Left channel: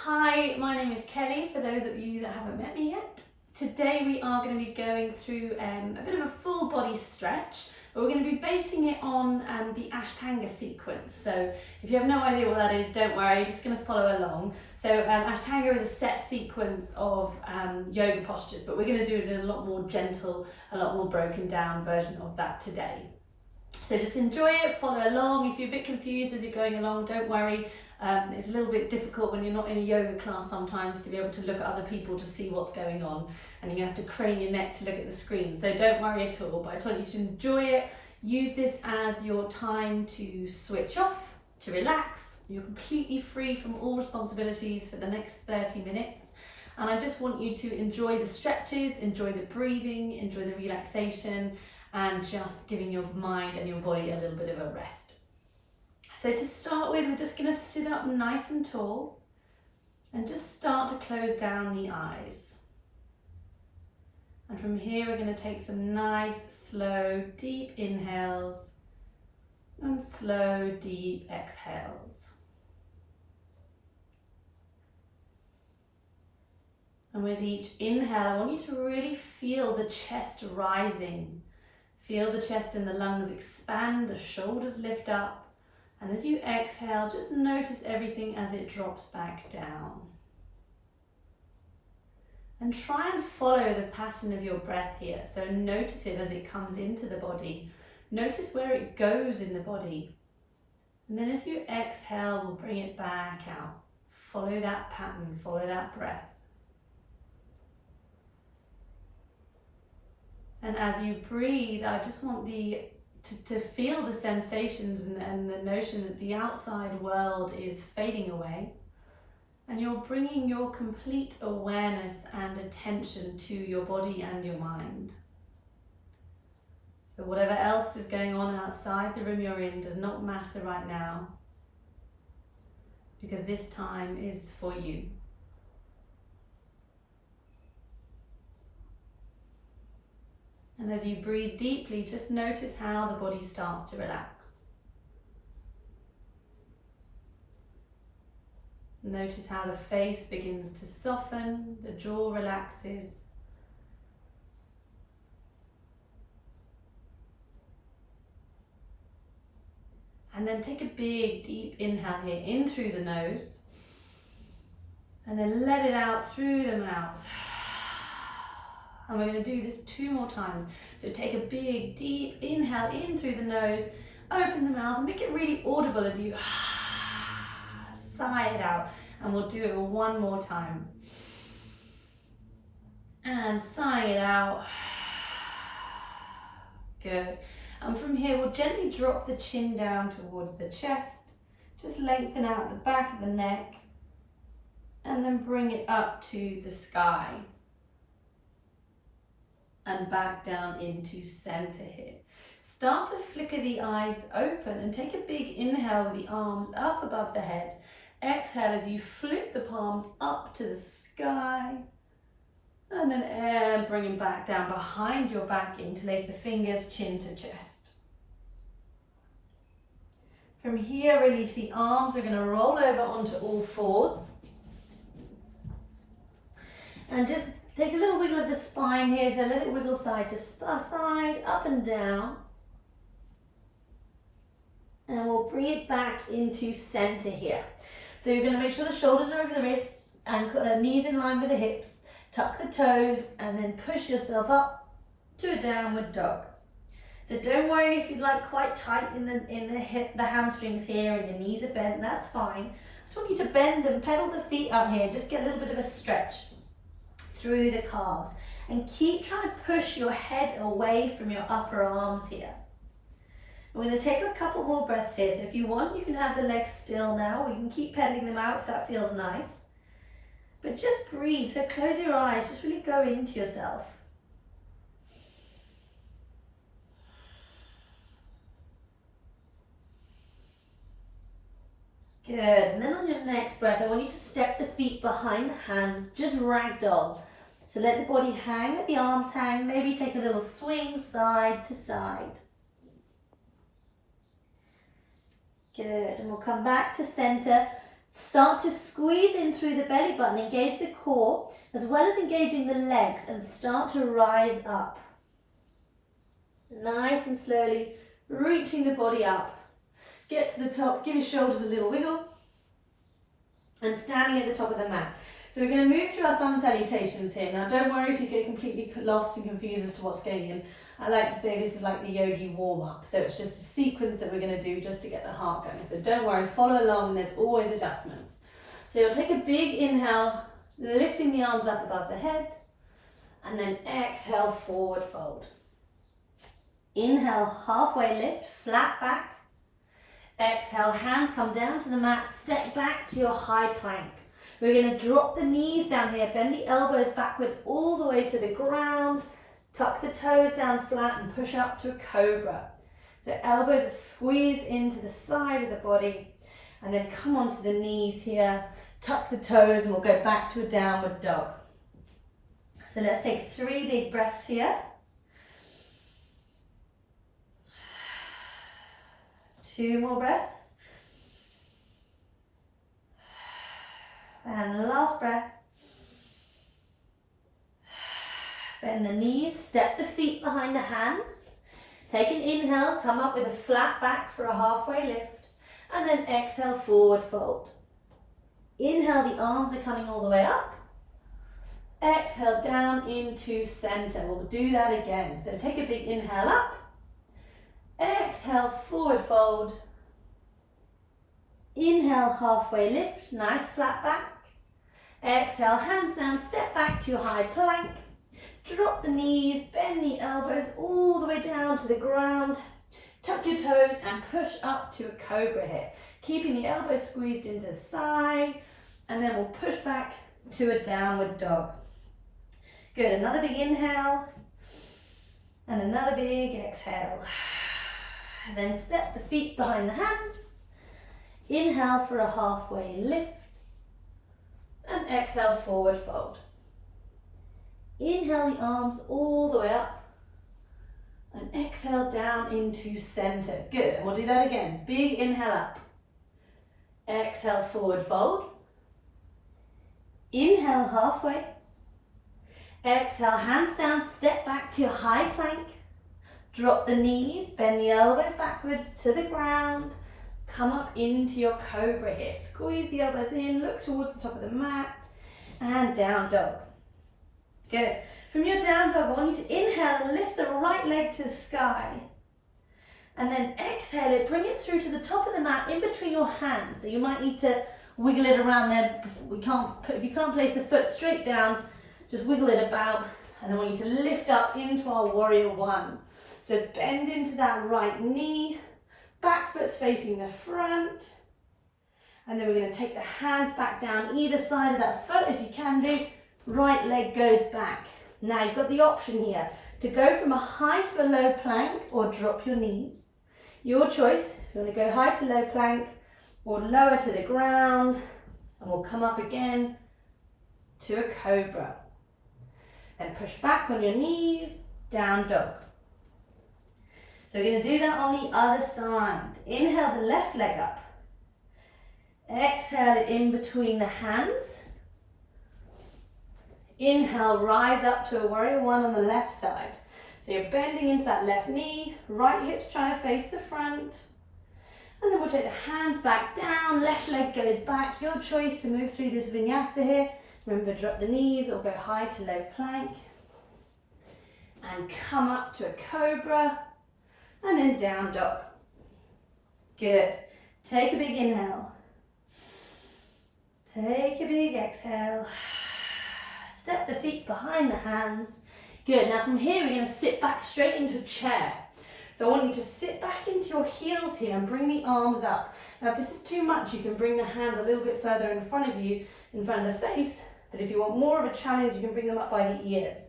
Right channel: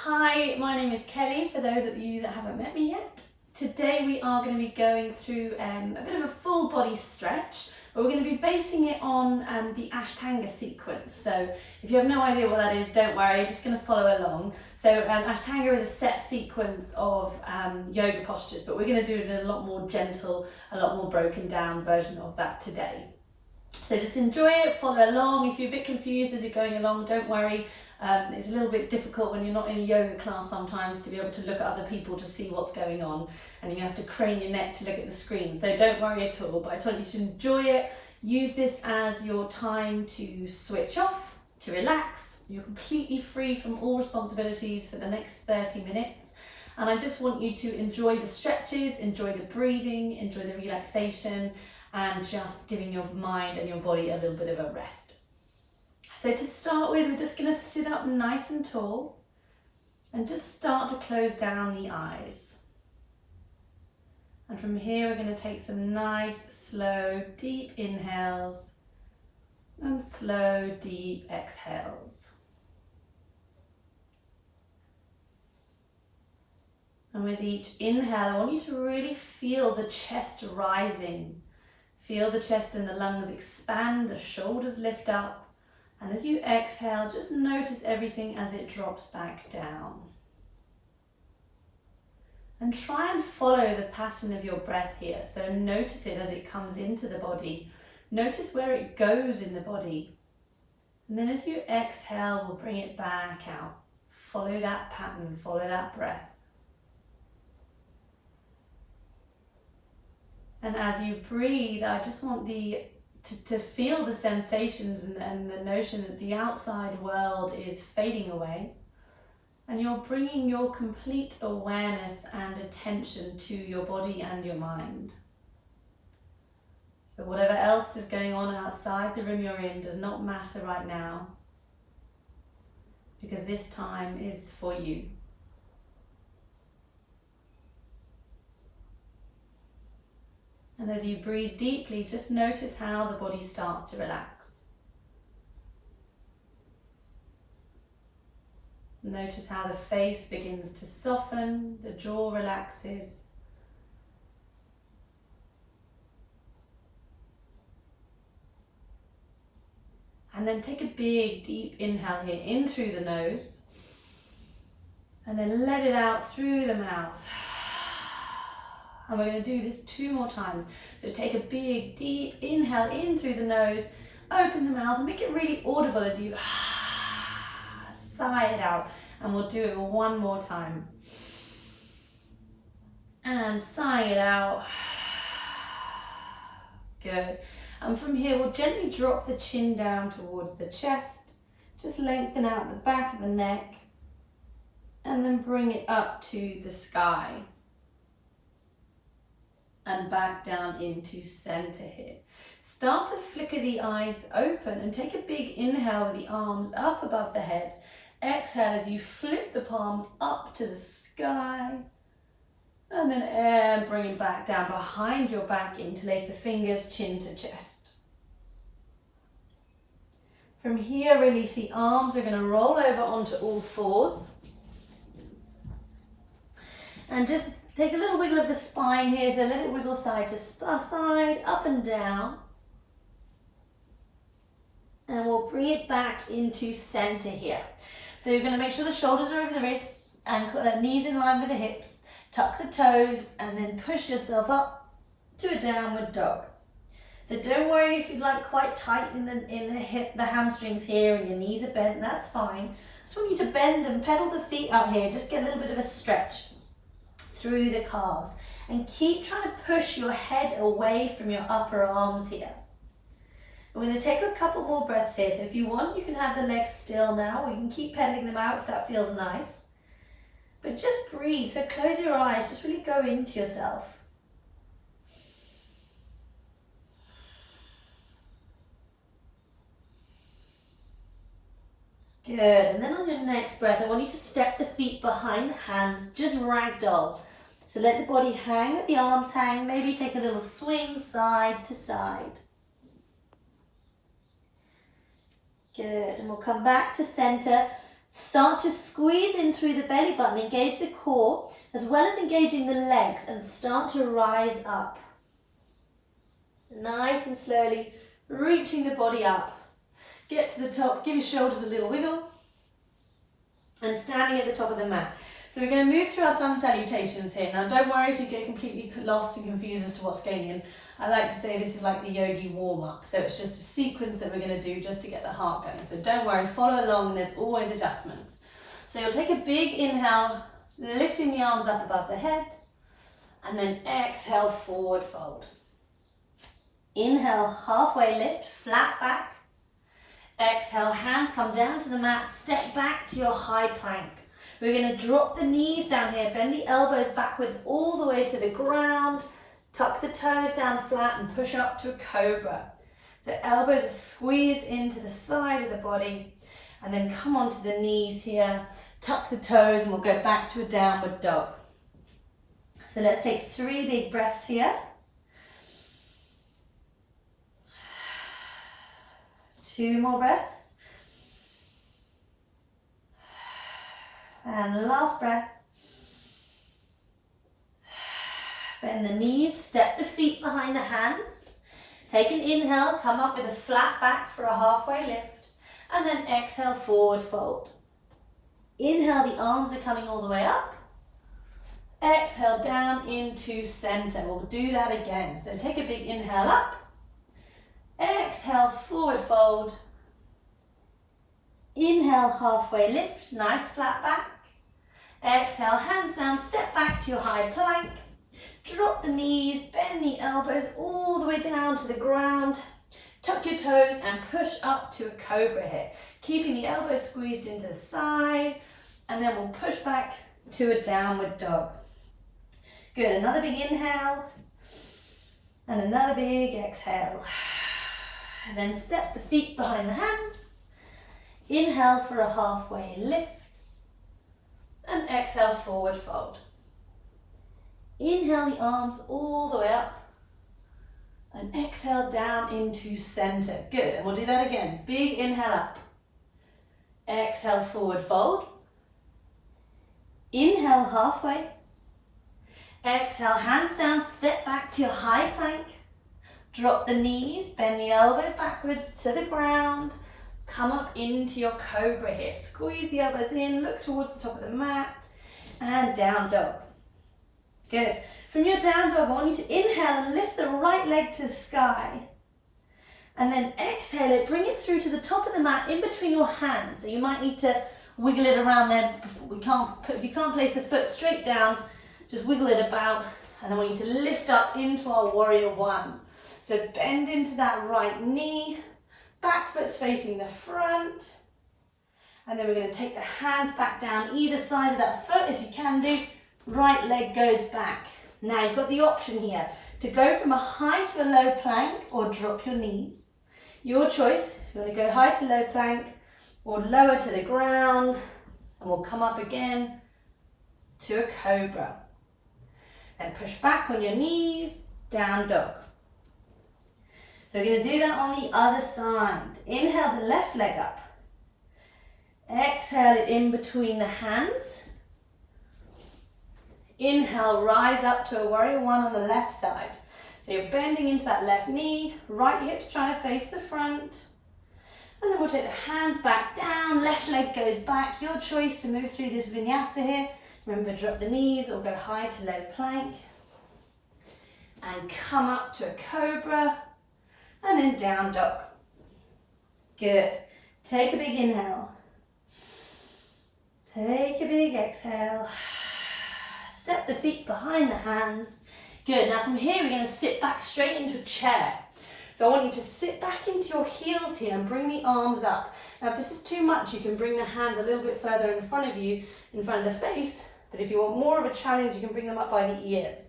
Hi, my name is Kelly, for those of you that haven't met me yet. Today we are going to be going through a bit of a full body stretch, but we're going to be basing it on the Ashtanga sequence. So if you have no idea what that is, don't worry, just going to follow along. So Ashtanga is a set sequence of yoga postures, but we're going to do it in a lot more gentle, a lot more broken down version of that today. So just enjoy it, follow along. If you're a bit confused as you're going along, don't worry. It's a little bit difficult when you're not in a yoga class sometimes to be able to look at other people to see what's going on, and you have to crane your neck to look at the screen. So don't worry at all, but I want you to enjoy it. Use this as your time to switch off, to relax. You're completely free from all responsibilities for the next 30 minutes. And I just want you to enjoy the stretches, enjoy the breathing, enjoy the relaxation, and just giving your mind and your body a little bit of a rest. So to start with, we're just going to sit up nice and tall and just start to close down the eyes. And from here, we're going to take some nice, slow, deep inhales and slow, deep exhales. And with each inhale, I want you to really feel the chest rising. Feel the chest and the lungs expand, the shoulders lift up. And as you exhale, just notice everything as it drops back down. And try and follow the pattern of your breath here. So notice it as it comes into the body. Notice where it goes in the body. And then as you exhale, we'll bring it back out. Follow that pattern, follow that breath. And as you breathe, I just want to feel the sensations and the notion that the outside world is fading away, and you're bringing your complete awareness and attention to your body and your mind. So whatever else is going on outside the room you're in does not matter right now, because this time is for you. And as you breathe deeply, just notice how the body starts to relax. Notice how the face begins to soften, the jaw relaxes. And then take a big, deep inhale here, in through the nose. And then let it out through the mouth. And we're going to do this 2 more times. So take a big, deep inhale in through the nose, open the mouth, and make it really audible as you sigh it out. And we'll do it 1 more time. And sigh it out. Good. And from here, we'll gently drop the chin down towards the chest. Just lengthen out the back of the neck. And then bring it up to the sky. And back down into center here. Start to flicker the eyes open and take a big inhale with the arms up above the head. Exhale as you flip the palms up to the sky. And then bring them back down behind your back. Interlace the fingers, chin to chest. From here, release the arms. We're going to roll over onto all fours. And just take a little wiggle of the spine here, so a little wiggle side to side, up and down. And we'll bring it back into center here. So you're going to make sure the shoulders are over the wrists and knees in line with the hips. Tuck the toes and then push yourself up to a downward dog. So don't worry if you're like quite tight in the hip, the hamstrings here, and your knees are bent, that's fine. I just want you to bend them, pedal the feet out here, just get a little bit of a stretch through the calves, and keep trying to push your head away from your upper arms here. We're going to take a couple more breaths here, so if you want you can have the legs still now, or you can keep pedaling them out if that feels nice, but just breathe. So close your eyes, just really go into yourself. Good, and then on your next breath I want you to step the feet behind the hands, just ragdoll. So let the body hang, let the arms hang, maybe take a little swing side to side. Good, and we'll come back to center. Start to squeeze in through the belly button, engage the core as well as engaging the legs, and start to rise up. Nice and slowly reaching the body up. Get to the top, give your shoulders a little wiggle, and standing at the top of the mat. So we're going to move through our sun salutations here. Now don't worry if you get completely lost and confused as to what's going on. I like to say this is like the yogi warm-up. So it's just a sequence that we're going to do just to get the heart going. So don't worry, follow along, there's always adjustments. So you'll take a big inhale, lifting the arms up above the head, and then exhale, forward fold. Inhale, halfway lift, flat back. Exhale, hands come down to the mat, step back to your high plank. We're going to drop the knees down here, bend the elbows backwards all the way to the ground, tuck the toes down flat and push up to a cobra. So elbows are squeezed into the side of the body, and then come onto the knees here, tuck the toes, and we'll go back to a downward dog. So let's take 3 big breaths here. 2 more breaths. And last breath. Bend the knees, step the feet behind the hands. Take an inhale, come up with a flat back for a halfway lift. And then exhale, forward fold. Inhale, the arms are coming all the way up. Exhale, down into center. We'll do that again. So take a big inhale up. Exhale, forward fold. Inhale, halfway lift, nice flat back. Exhale, hands down, step back to your high plank. Drop the knees, bend the elbows all the way down to the ground. Tuck your toes and push up to a cobra here. Keeping the elbows squeezed into the side. And then we'll push back to a downward dog. Good, another big inhale. And another big exhale. And then step the feet behind the hands. Inhale for a halfway lift. And exhale, forward fold. Inhale the arms all the way up. And exhale down into center. Good, and we'll do that again. Big inhale up. Exhale, forward fold. Inhale halfway. Exhale, hands down, step back to your high plank. Drop the knees, bend the elbows backwards to the ground. Come up into your cobra here. Squeeze the elbows in, look towards the top of the mat, and down dog. Good. From your down dog, I want you to inhale and lift the right leg to the sky. And then exhale it, bring it through to the top of the mat in between your hands. So you might need to wiggle it around there. If you can't place the foot straight down, just wiggle it about. And I want you to lift up into our warrior one. So bend into that right knee. Back foot's facing the front. And then we're going to take the hands back down either side of that foot if you can do. Right leg goes back. Now you've got the option here to go from a high to a low plank or drop your knees. Your choice. You want to go high to low plank or lower to the ground. And we'll come up again to a cobra. And push back on your knees, down dog. So we're going to do that on the other side. Inhale the left leg up. Exhale it in between the hands. Inhale, rise up to a warrior one on the left side. So you're bending into that left knee, right hip's trying to face the front. And then we'll take the hands back down, left leg goes back. Your choice to move through this vinyasa here. Remember, drop the knees or go high to low plank. And come up to a cobra. And then down dog. Good. Take a big inhale. Take a big exhale. Step the feet behind the hands. Good. Now from here, we're going to sit back straight into a chair. So I want you to sit back into your heels here and bring the arms up. Now if this is too much, you can bring the hands a little bit further in front of you, in front of the face. But if you want more of a challenge, you can bring them up by the ears.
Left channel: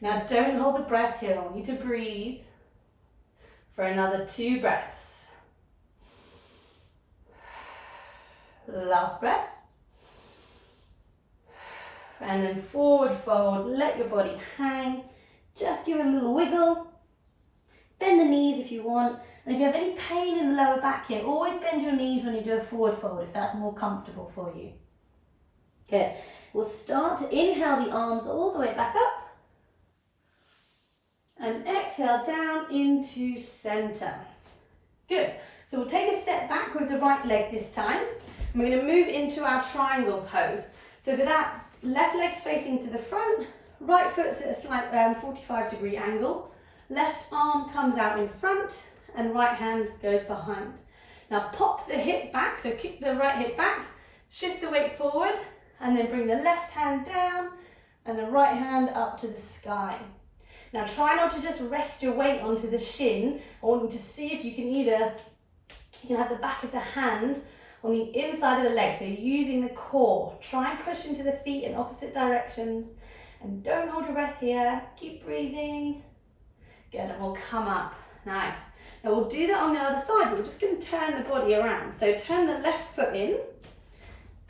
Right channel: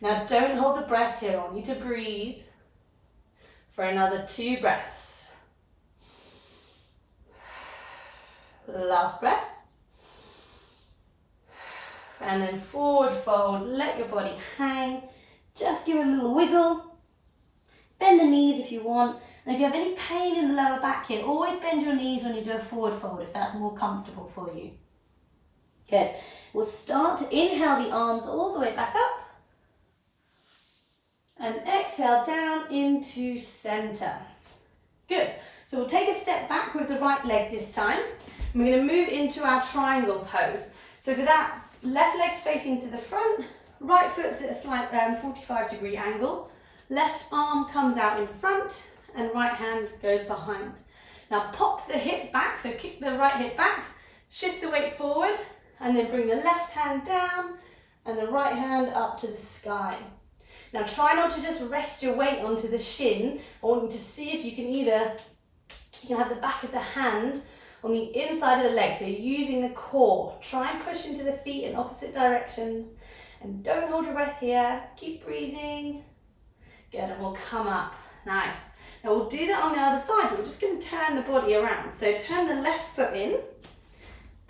Now don't hold the breath here. I want you to breathe for another 2 breaths. Last breath. And then forward fold, let your body hang. Just give it a little wiggle. Bend the knees if you want, And if you have any pain in the lower back here, always bend your knees when you do a forward fold if that's more comfortable for you. Good. We'll start to inhale the arms all the way back up. And exhale down into center. Good. So we'll take a step back with the right leg this time. And we're going to move into our triangle pose. So for that, left leg's facing to the front, right foot's at a slight 45-degree angle, left arm comes out in front, and right hand goes behind. Now pop the hip back, so kick the right hip back, shift the weight forward, and then bring the left hand down and the right hand up to the sky. Now try not to just rest your weight onto the shin. I want you to see if you can have the back of the hand on the inside of the leg, so you're using the core. Try and push into the feet in opposite directions, and don't hold your breath here. Keep breathing. Good, and we'll come up. Nice. Now we'll do that on the other side, but we're just going to turn the body around. So turn the left foot in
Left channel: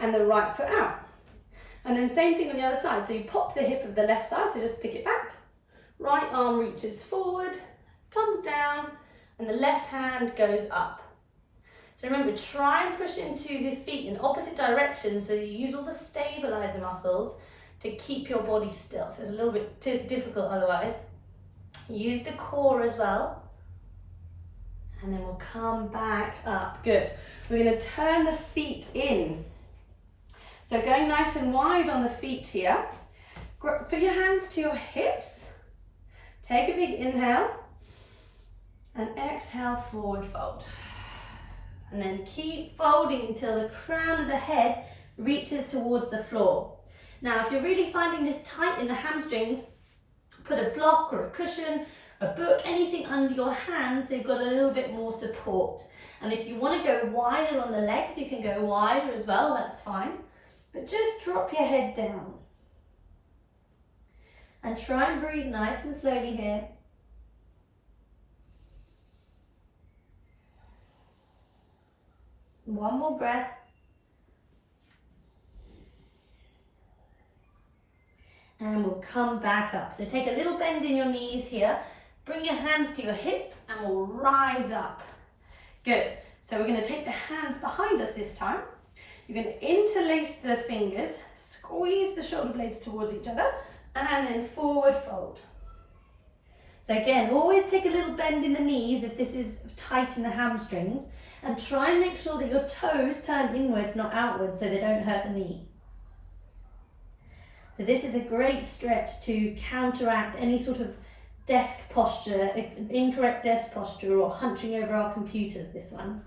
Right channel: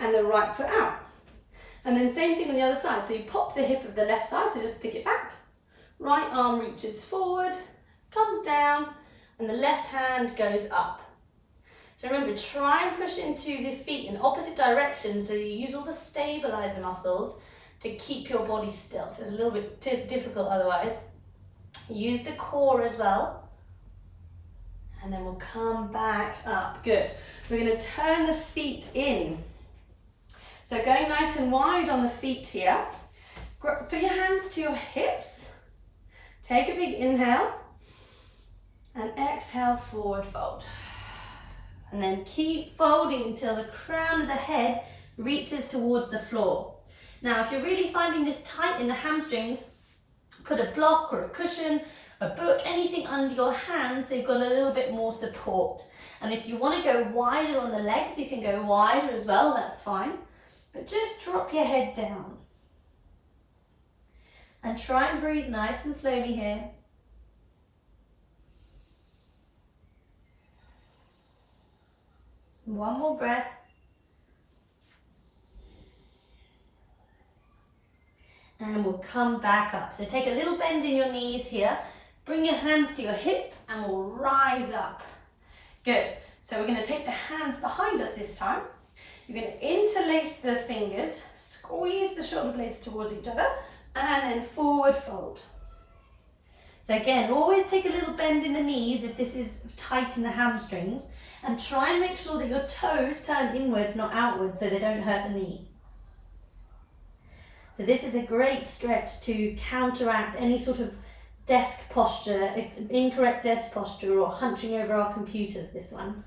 and the right foot out. And then same thing on the other side. So you pop the hip of the left side, so just stick it back. Right arm reaches forward, comes down, and the left hand goes up. So remember, try and push into the feet in opposite directions so you use all the stabilizer muscles to keep your body still. So it's a little bit difficult otherwise. Use the core as well. And then we'll come back up. Good. We're going to turn the feet in. So going nice and wide on the feet here. Put your hands to your hips. Take a big inhale. And exhale, forward fold. And then keep folding until the crown of the head reaches towards the floor. Now, if you're really finding this tight in the hamstrings, put a block or a cushion, a book, anything under your hands so you've got a little bit more support. And if you want to go wider on the legs, you can go wider as well, that's fine. But just drop your head down. And try and breathe nice and slowly here. One more breath. And we'll come back up. So take a little bend in your knees here. Bring your hands to your hip and we'll rise up. Good. So we're going to take the hands behind us this time. You're going to interlace the fingers, squeeze the shoulder blades towards each other, and then forward fold. So again, always take a little bend in the knees if this is tight in the hamstrings, and try and make sure that your toes turn inwards, not outwards, so they don't hurt the knee. So this is a great stretch to counteract any sort of desk posture, incorrect desk posture, or hunching over our computers, this one.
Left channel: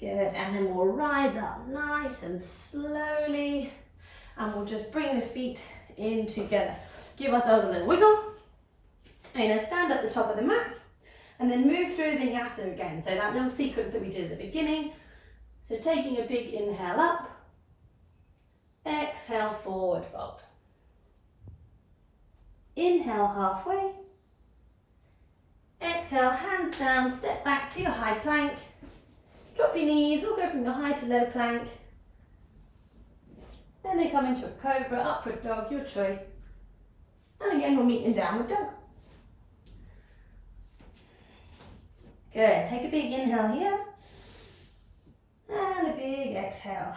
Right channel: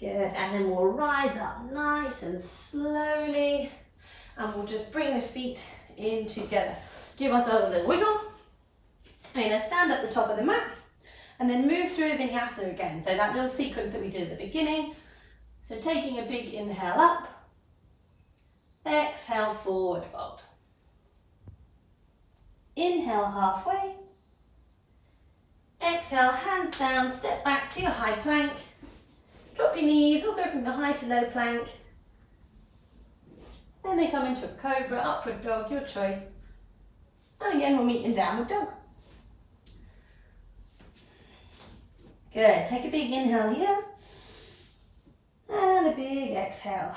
Good, and then we'll rise up nice and slowly, and we'll just bring the feet in together. Give ourselves a little wiggle. We're going to stand at the top of the mat, and then move through vinyasa again. So that little sequence that we did at the beginning. So taking a big inhale up, exhale, forward fold. Inhale halfway. Exhale, hands down, step back to your high plank. Drop your knees or go from the high to low plank. Then they come into a cobra, upward dog, your choice. And again, we'll meet in downward dog. Good, take a big inhale here. And a big exhale.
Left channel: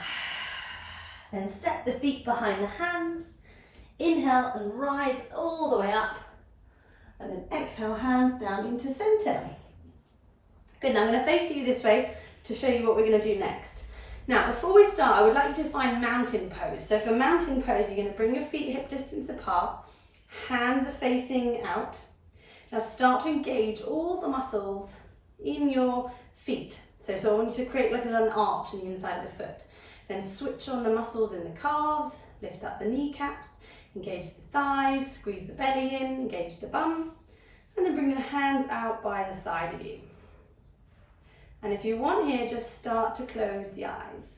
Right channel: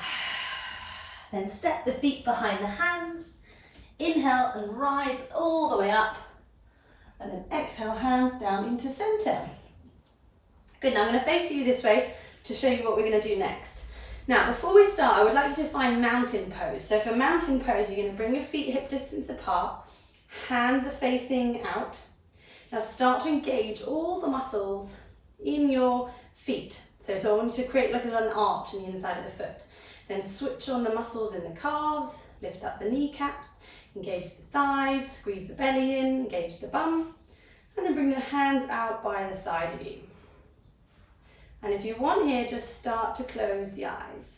Then step the feet behind the hands. Inhale and rise all the way up. And then exhale, hands down into center. Good, now I'm going to face you this way to show you what we're going to do next. Now, before we start, I would like you to find mountain pose. So for mountain pose, you're going to bring your feet hip distance apart. Hands are facing out. Now start to engage all the muscles in your feet. So I want you to create like an arch in the inside of the foot. Then switch on the muscles in the calves, lift up the kneecaps, engage the thighs, squeeze the belly in, engage the bum, and then bring your hands out by the side of you. And if you want here, just start to close the eyes.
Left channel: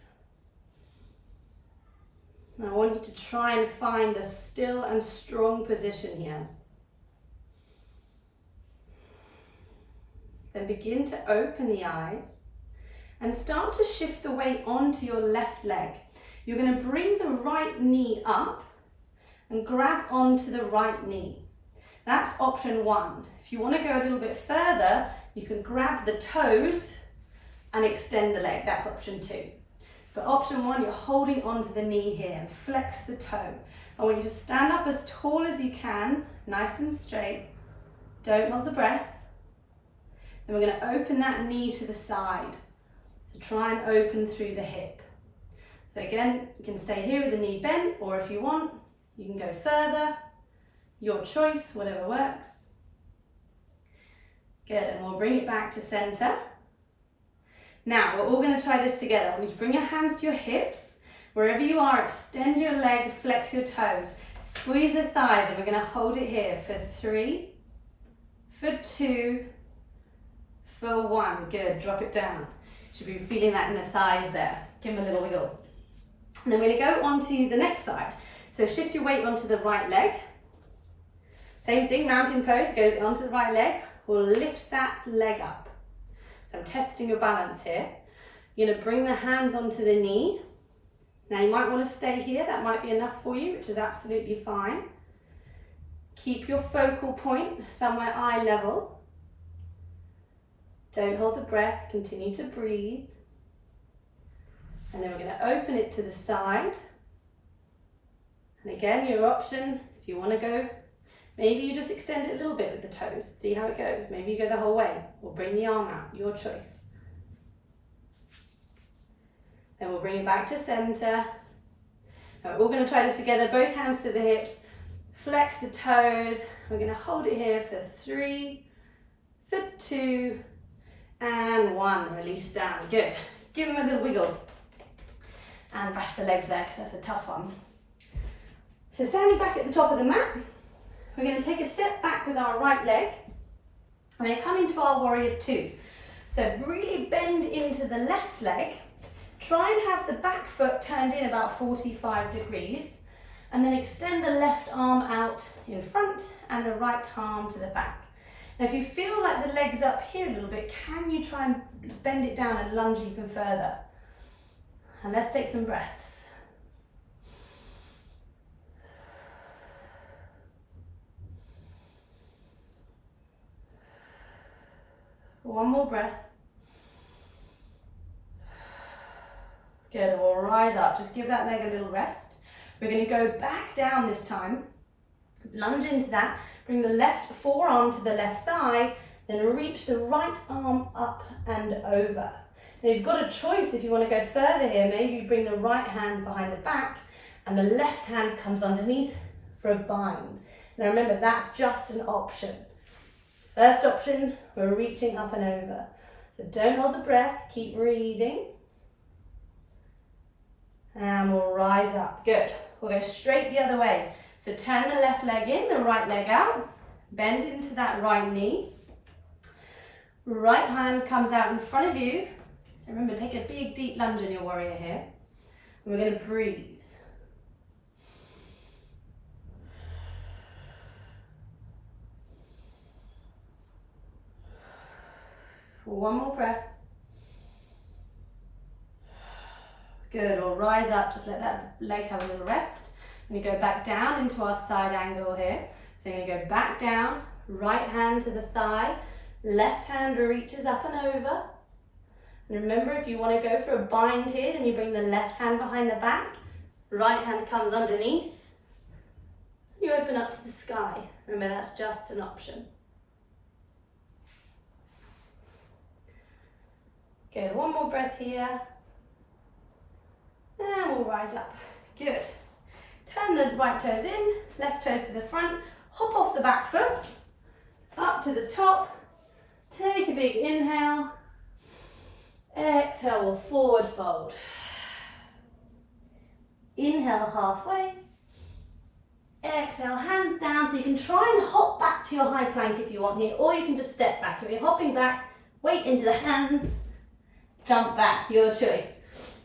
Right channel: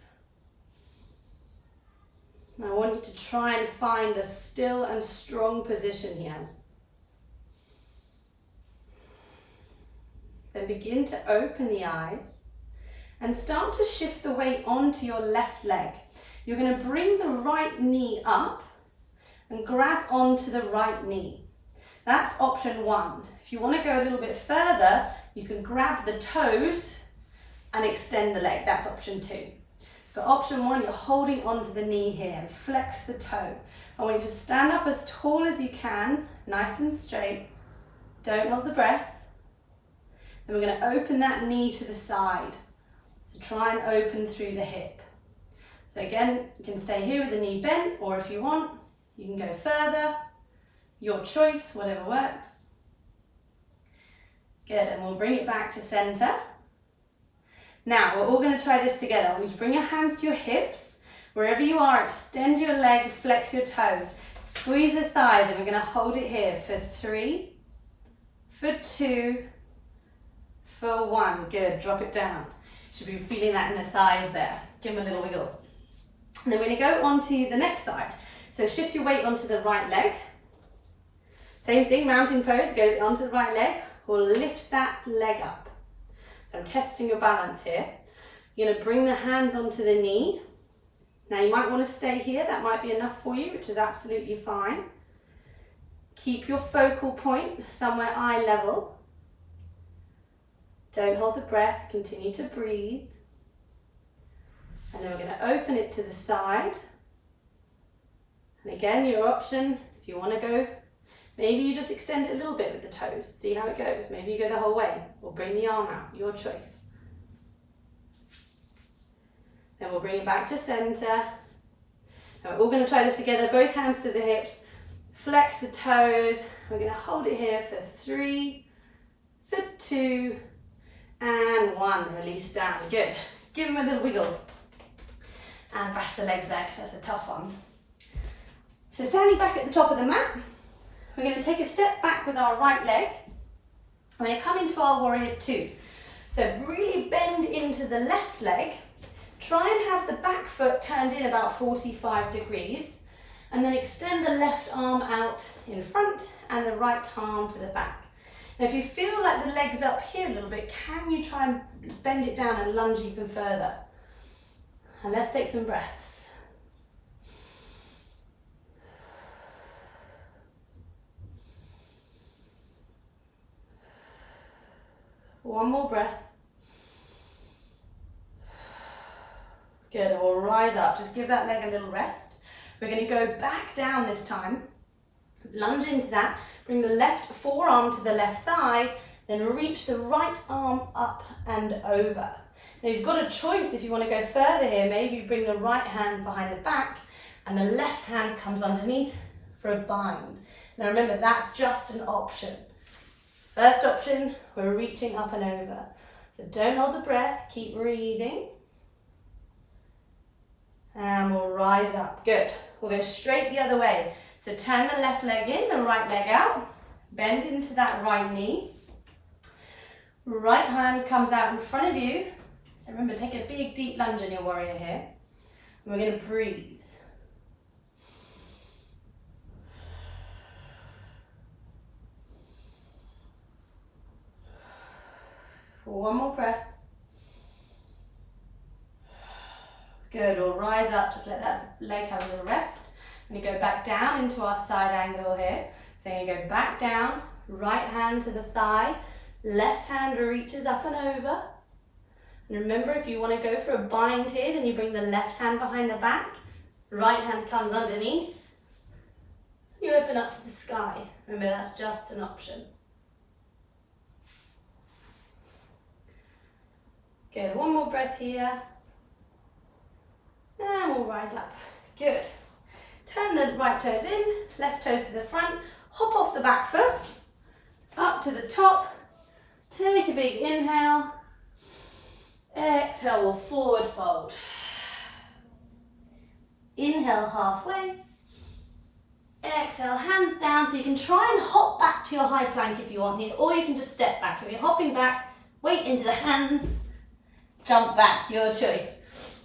And I want you to try and find a still and strong position here. Then begin to open the eyes and start to shift the weight onto your left leg. You're going to bring the right knee up and grab onto the right knee. That's option 1. If you want to go a little bit further, you can grab the toes and extend the leg. That's option 2. But option 1, you're holding onto the knee here and flex the toe. I want you to stand up as tall as you can, nice and straight. Don't hold the breath. Then we're going to open that knee to the side. So try and open through the hip. So again, you can stay here with the knee bent, or if you want, you can go further. Your choice, whatever works. Good, and we'll bring it back to center. Now, we're all going to try this together. I want you to bring your hands to your hips. Wherever you are, extend your leg, flex your toes. Squeeze the thighs, and we're going to hold it here for 3, for 2, for 1. Good, drop it down. You should be feeling that in the thighs there. Give them a little wiggle. And then we're going to go on to the next side. So shift your weight onto the right leg. Same thing, mountain pose, goes onto the right leg. We'll lift that leg up. So I'm testing your balance here. You're going to bring the hands onto the knee. Now you might want to stay here, that might be enough for you, which is absolutely fine. Keep your focal point somewhere eye level. Don't hold the breath, continue to breathe. And then we're going to open it to the side. And again, your option, if you want to go, maybe you just extend it a little bit with the toes, see how it goes. Maybe you go the whole way, or bring the arm out, your choice. Then we'll bring it back to center. And we're all going to try this together, both hands to the hips, flex the toes. We're going to hold it here for 3, for 2, and 1. Release down, good. Give them a little wiggle. And bash the legs there, because that's a tough one. So standing back at the top of the mat, we're going to take a step back with our right leg. We're going to come into our warrior 2. So really bend into the left leg. Try and have the back foot turned in about 45 degrees. And then extend the left arm out in front and the right arm to the back. Now if you feel like the leg's up here a little bit, can you try and bend it down and lunge even further? And let's take some breaths. One more breath. Good, and we'll rise up. Just give that leg a little rest. We're going to go back down this time. Lunge into that. Bring the left forearm to the left thigh. Then reach the right arm up and over. Now you've got a choice if you want to go further here. Maybe you bring the right hand behind the back and the left hand comes underneath for a bind. Now remember, that's just an option. First option, we're reaching up and over. So don't hold the breath, keep breathing. And we'll rise up, good. We'll go straight the other way. So turn the left leg in, the right leg out. Bend into that right knee. Right hand comes out in front of you. So remember, take a big deep lunge in your warrior here. And we're going to breathe. One more breath. Good, we'll rise up, just let that leg have a little rest. We're going to go back down into our side angle here. So you're going to go back down, right hand to the thigh, left hand reaches up and over. And remember, if you want to go for a bind here, then you bring the left hand behind the back, right hand comes underneath. You open up to the sky. Remember, that's just an option. Good, one more breath here. And we'll rise up. Good. Turn the right toes in, left toes to the front, hop off the back foot, up to the top, take a big inhale, exhale, we'll forward fold. Inhale halfway, exhale, hands down, so you can try and hop back to your high plank if you want here, or you can just step back. If you're hopping back, weight into the hands, jump back, your choice.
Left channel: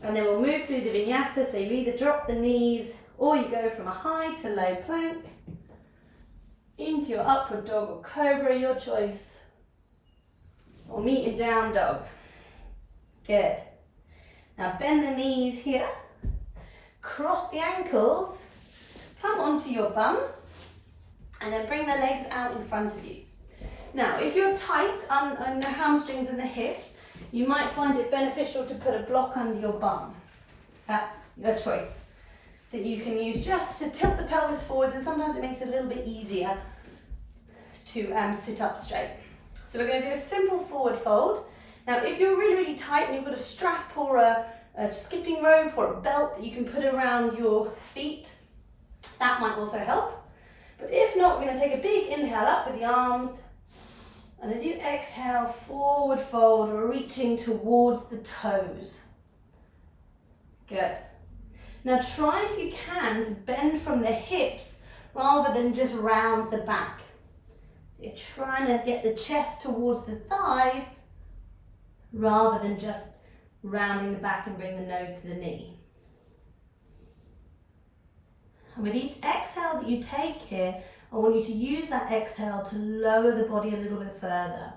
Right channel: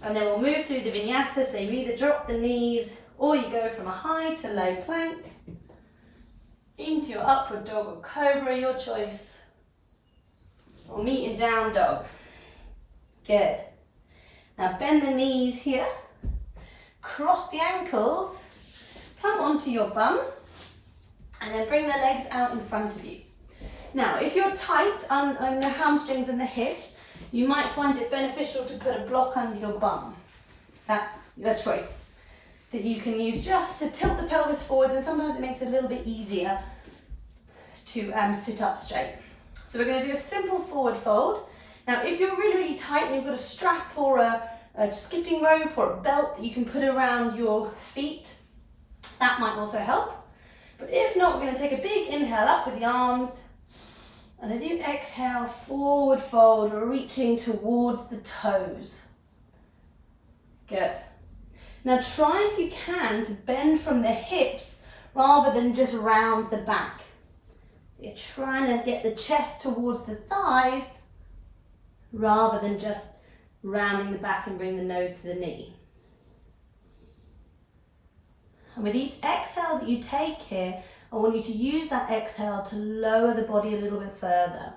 And then we'll move through the vinyasa, so you either drop the knees or you go from a high to low plank into your upward dog or cobra, your choice. Or meet in down dog. Good. Now bend the knees here, cross the ankles, come onto your bum, And then bring the legs out in front of you. Now, if you're tight on the hamstrings and the hips, you might find it beneficial to put a block under your bum. That's a choice that you can use just to tilt the pelvis forwards, and sometimes it makes it a little bit easier to sit up straight. So we're going to do a simple forward fold. Now, if you're really, really tight and you've got a strap or a skipping rope or a belt that you can put around your feet, that might also help. But if not, we're going to take a big inhale up with the arms. And as you exhale, forward fold, reaching towards the toes. Good. Now try, if you can, to bend from the hips rather than just round the back. You're trying to get the chest towards the thighs rather than just rounding the back and bring the nose to the knee. And with each exhale that you take here, I want you to use that exhale to lower the body a little bit further.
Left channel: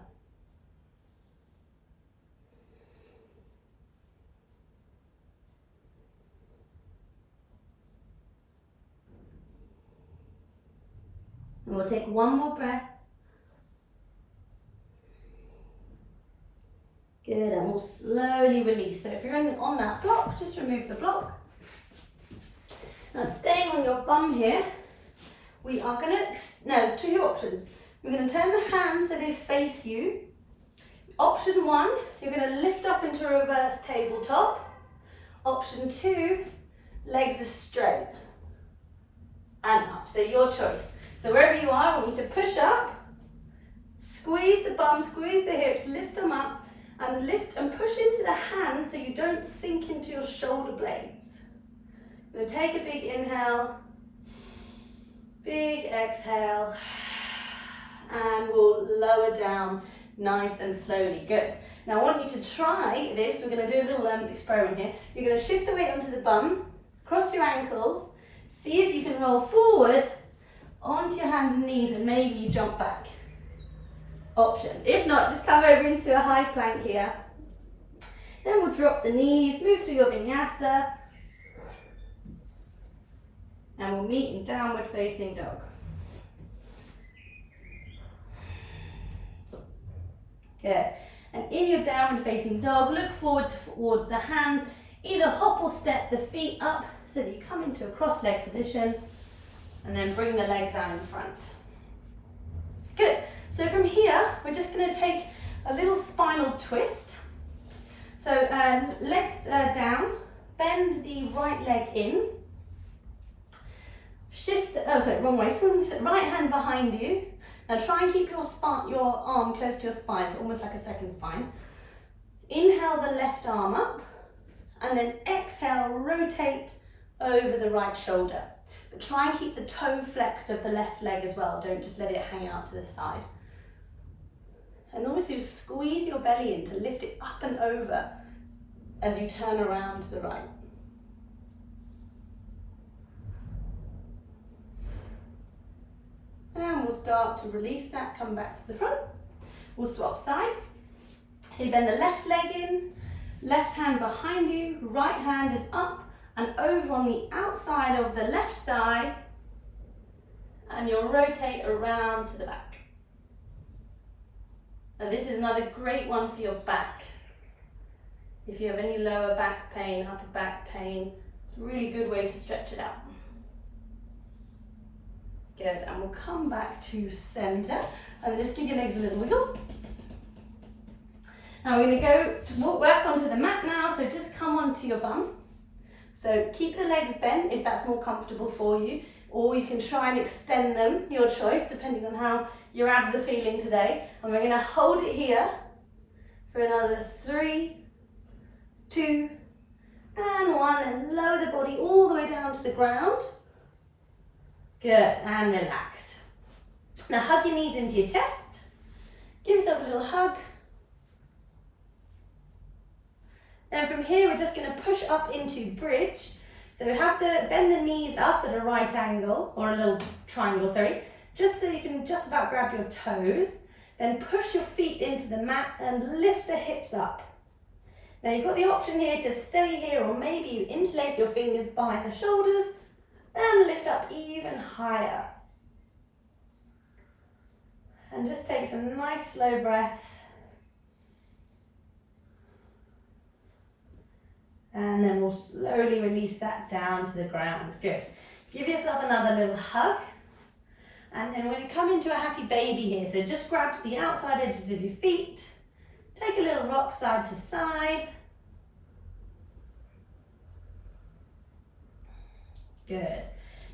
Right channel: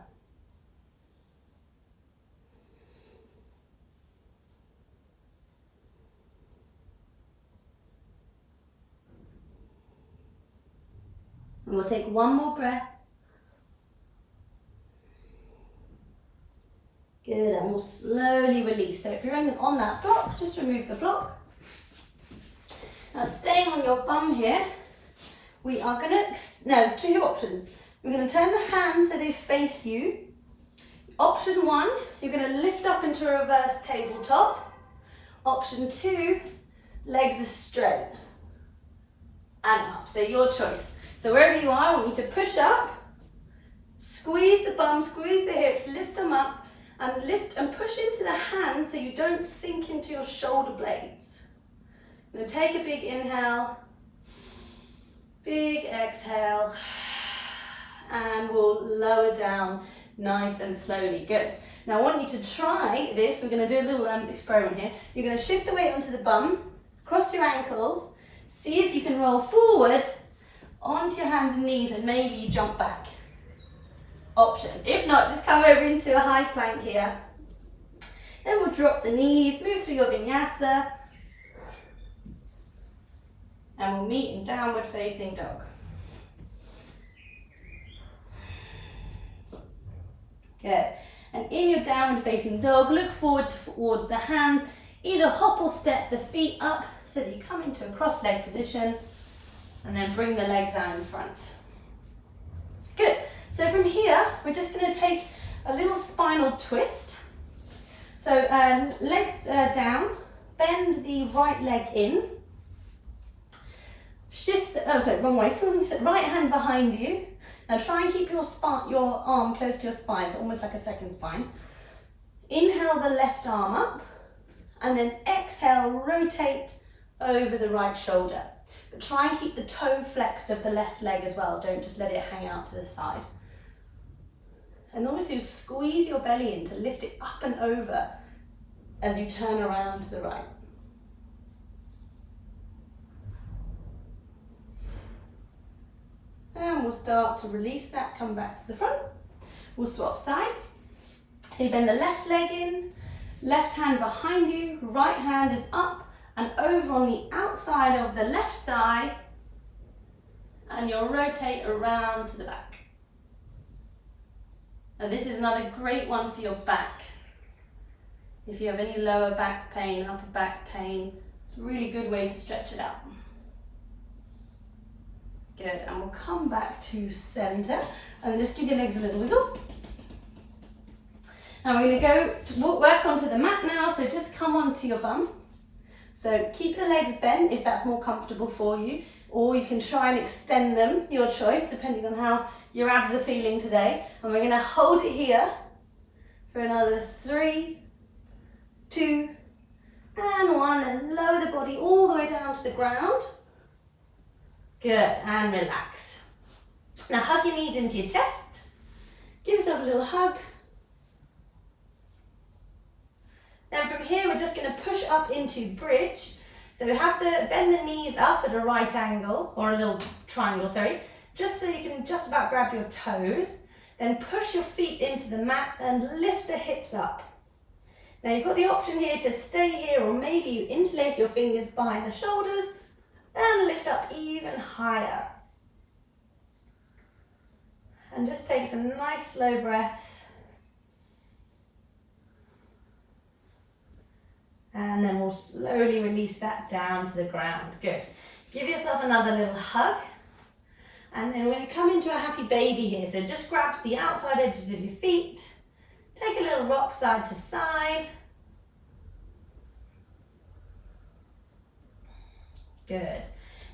And we'll take one more breath. Good, and we'll slowly release. So if you're on that block, just remove the block. Now staying on your bum here, we are going to, there's two options. We're going to turn the hands so they face you. Option one, you're going to lift up into a reverse tabletop. Option two, legs are straight and up, so your choice. So wherever you are, I want you to push up, squeeze the bum, squeeze the hips, lift them up, and lift and push into the hands so you don't sink into your shoulder blades. I'm going to take a big inhale, big exhale, and we'll lower down nice and slowly. Good. Now I want you to try this. We're going to do a little experiment here. You're going to shift the weight onto the bum, cross your ankles, see if you can roll forward onto your hands and knees, and maybe you jump back. Option. If not, just come over into a high plank here. Then we'll drop the knees, move through your vinyasa, and we'll meet in downward facing dog. Good. And in your downward facing dog, look forward towards the hands. Either hop or step the feet up so that you come into a cross leg position, and then bring the legs out in front. Good. So from here, we're just going to take a little spinal twist. So legs down, bend the right leg in. Shift, wrong way. Right hand behind you. Now try and keep your arm close to your spine, so almost like a second spine. Inhale the left arm up, and then exhale, rotate over the right shoulder. But try and keep the toe flexed of the left leg as well. Don't just let it hang out to the side. And almost you squeeze your belly in to lift it up and over as you turn around to the right. And we'll start to release that, come back to the front. We'll swap sides. So you bend the left leg in, left hand behind you, right hand is up and over on the outside of the left thigh, and you'll rotate around to the back. Now this is another great one for your back. If you have any lower back pain, upper back pain, it's a really good way to stretch it out. Good, and we'll come back to center, and then just give your legs a little wiggle. Now we're going to go work onto the mat now, so just come onto your bum. So keep the legs bent if that's more comfortable for you, or you can try and extend them, your choice, depending on how your abs are feeling today. And we're going to hold it here for another 3, 2, and 1, and lower the body all the way down to the ground. Good, and relax. Now hug your knees into your chest. Give yourself a little hug. Then from here, we're just going to push up into bridge. So we have to bend the knees up at a right angle, or a little triangle, sorry, just so you can just about grab your toes. Then push your feet into the mat and lift the hips up. Now you've got the option here to stay here, or maybe you interlace your fingers behind the shoulders and lift up even higher. And just take some nice slow breaths. And then we'll slowly release that down to the ground. Good. Give yourself another little hug. And then we're going to come into a happy baby here. So just grab the outside edges of your feet. Take a little rock side to side. Good.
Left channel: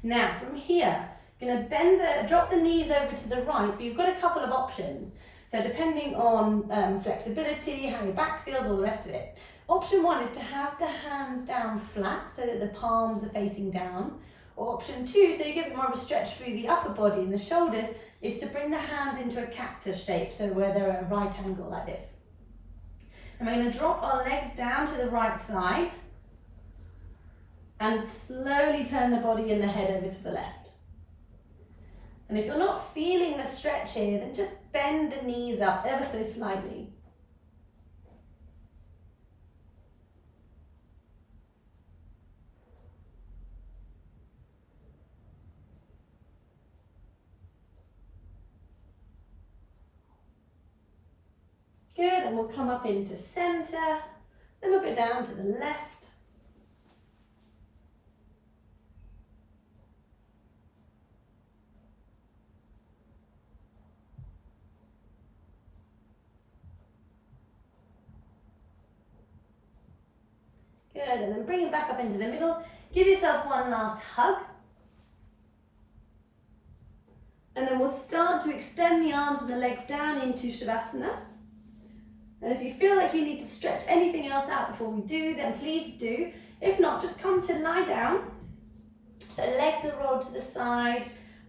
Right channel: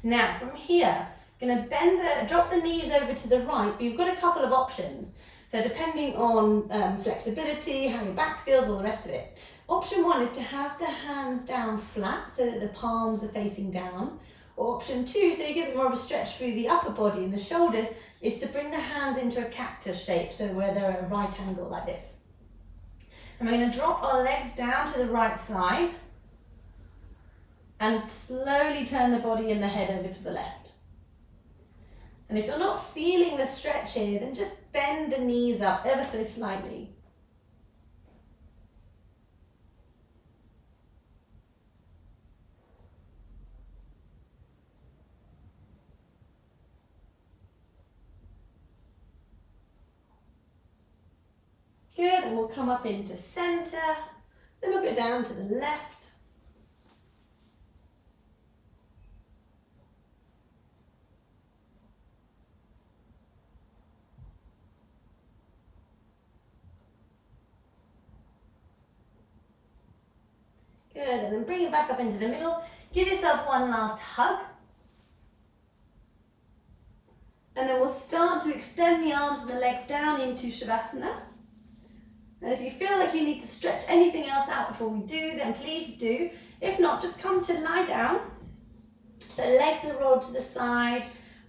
Now from here, going to drop the knees over to the right, but you've got a couple of options. So depending on flexibility, how your back feels, all the rest of it. Option one is to have the hands down flat so that the palms are facing down. Or option two, so you get more of a stretch through the upper body and the shoulders, is to bring the hands into a cactus shape, so where they're at a right angle like this. And we're going to drop our legs down to the right side and slowly turn the body and the head over to the left. And if you're not feeling the stretch here, then just bend the knees up ever so slightly. Good, and we'll come up into center, then we'll go down to the left. Good, and then bring it back up into the middle. Give yourself one last hug. And then we'll start to extend the arms and the legs down into Savasana. And if you feel like you need to stretch anything else out before we do, then please do. If not, just come to lie down. So legs are rolled to the side,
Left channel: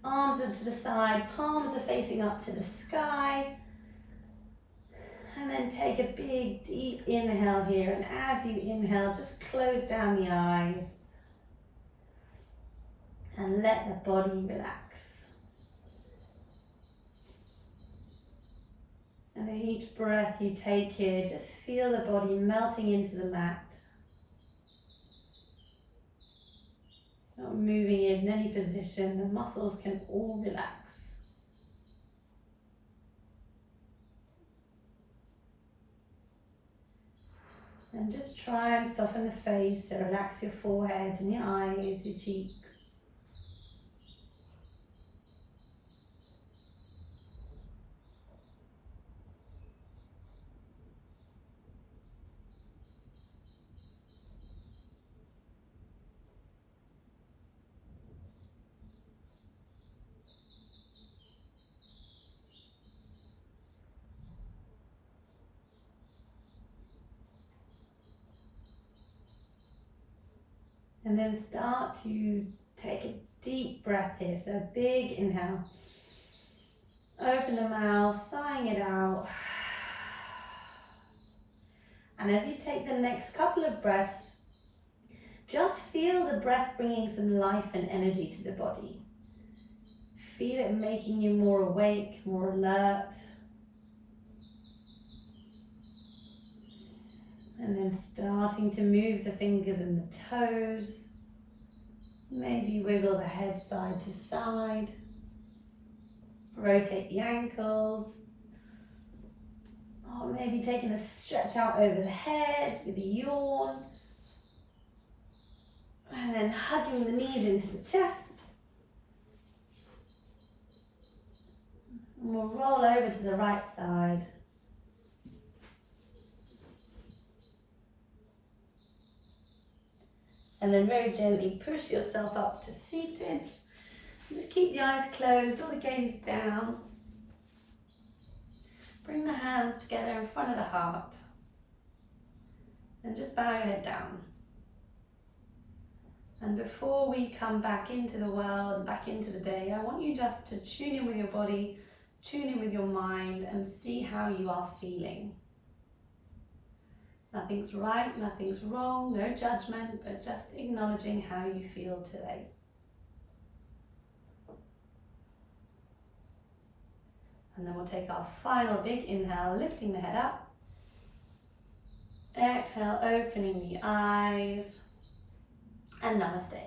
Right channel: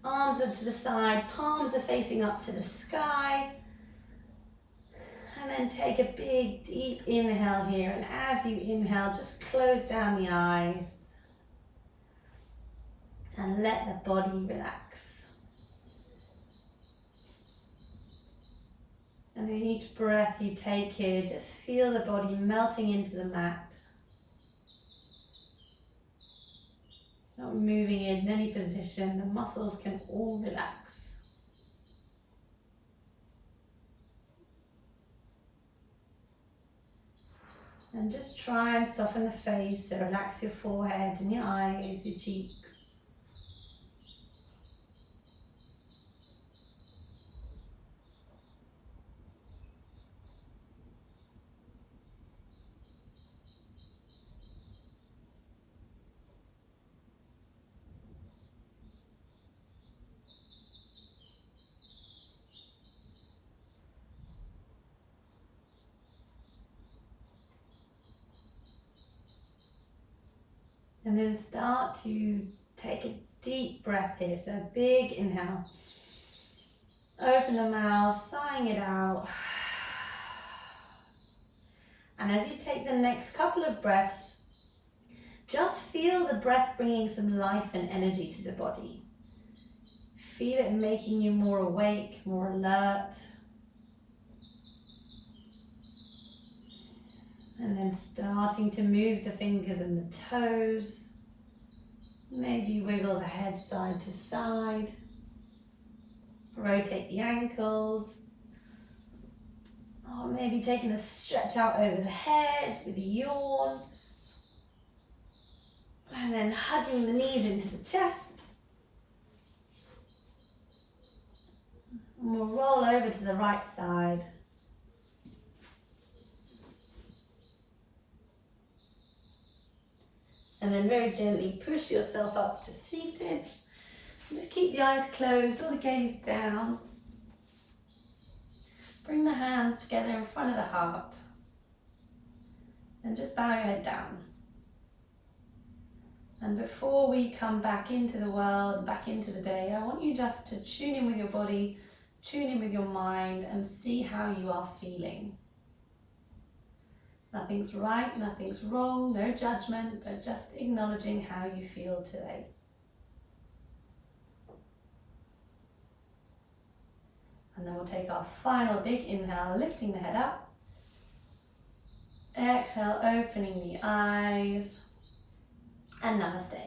arms are to the side, palms are facing up to the sky. And then take a big, deep inhale here. And as you inhale, just close down the eyes. And let the body relax. And in each breath you take here, just feel the body melting into the mat. Not moving in any position, the muscles can all relax. And just try and soften the face, so relax your forehead and your eyes, your cheeks. And then start to take a deep breath here. So a big inhale. Open the mouth, sighing it out. And as you take the next couple of breaths, just feel the breath bringing some life and energy to the body. Feel it making you more awake, more alert. And then starting to move the fingers and the toes. Maybe wiggle the head side to side. Rotate the ankles. Or maybe taking a stretch out over the head with a yawn. And then hugging the knees into the chest. And we'll roll over to the right side. And then very gently push yourself up to seated. Just keep the eyes closed or the gaze down. Bring the hands together in front of the heart. And just bow your head down. And before we come back into the world and back into the day, I want you just to tune in with your body, tune in with your mind, and see how you are feeling. Nothing's right, nothing's wrong, no judgment, but just acknowledging how you feel today. And then we'll take our final big inhale, lifting the head up. Exhale, opening the eyes. And namaste.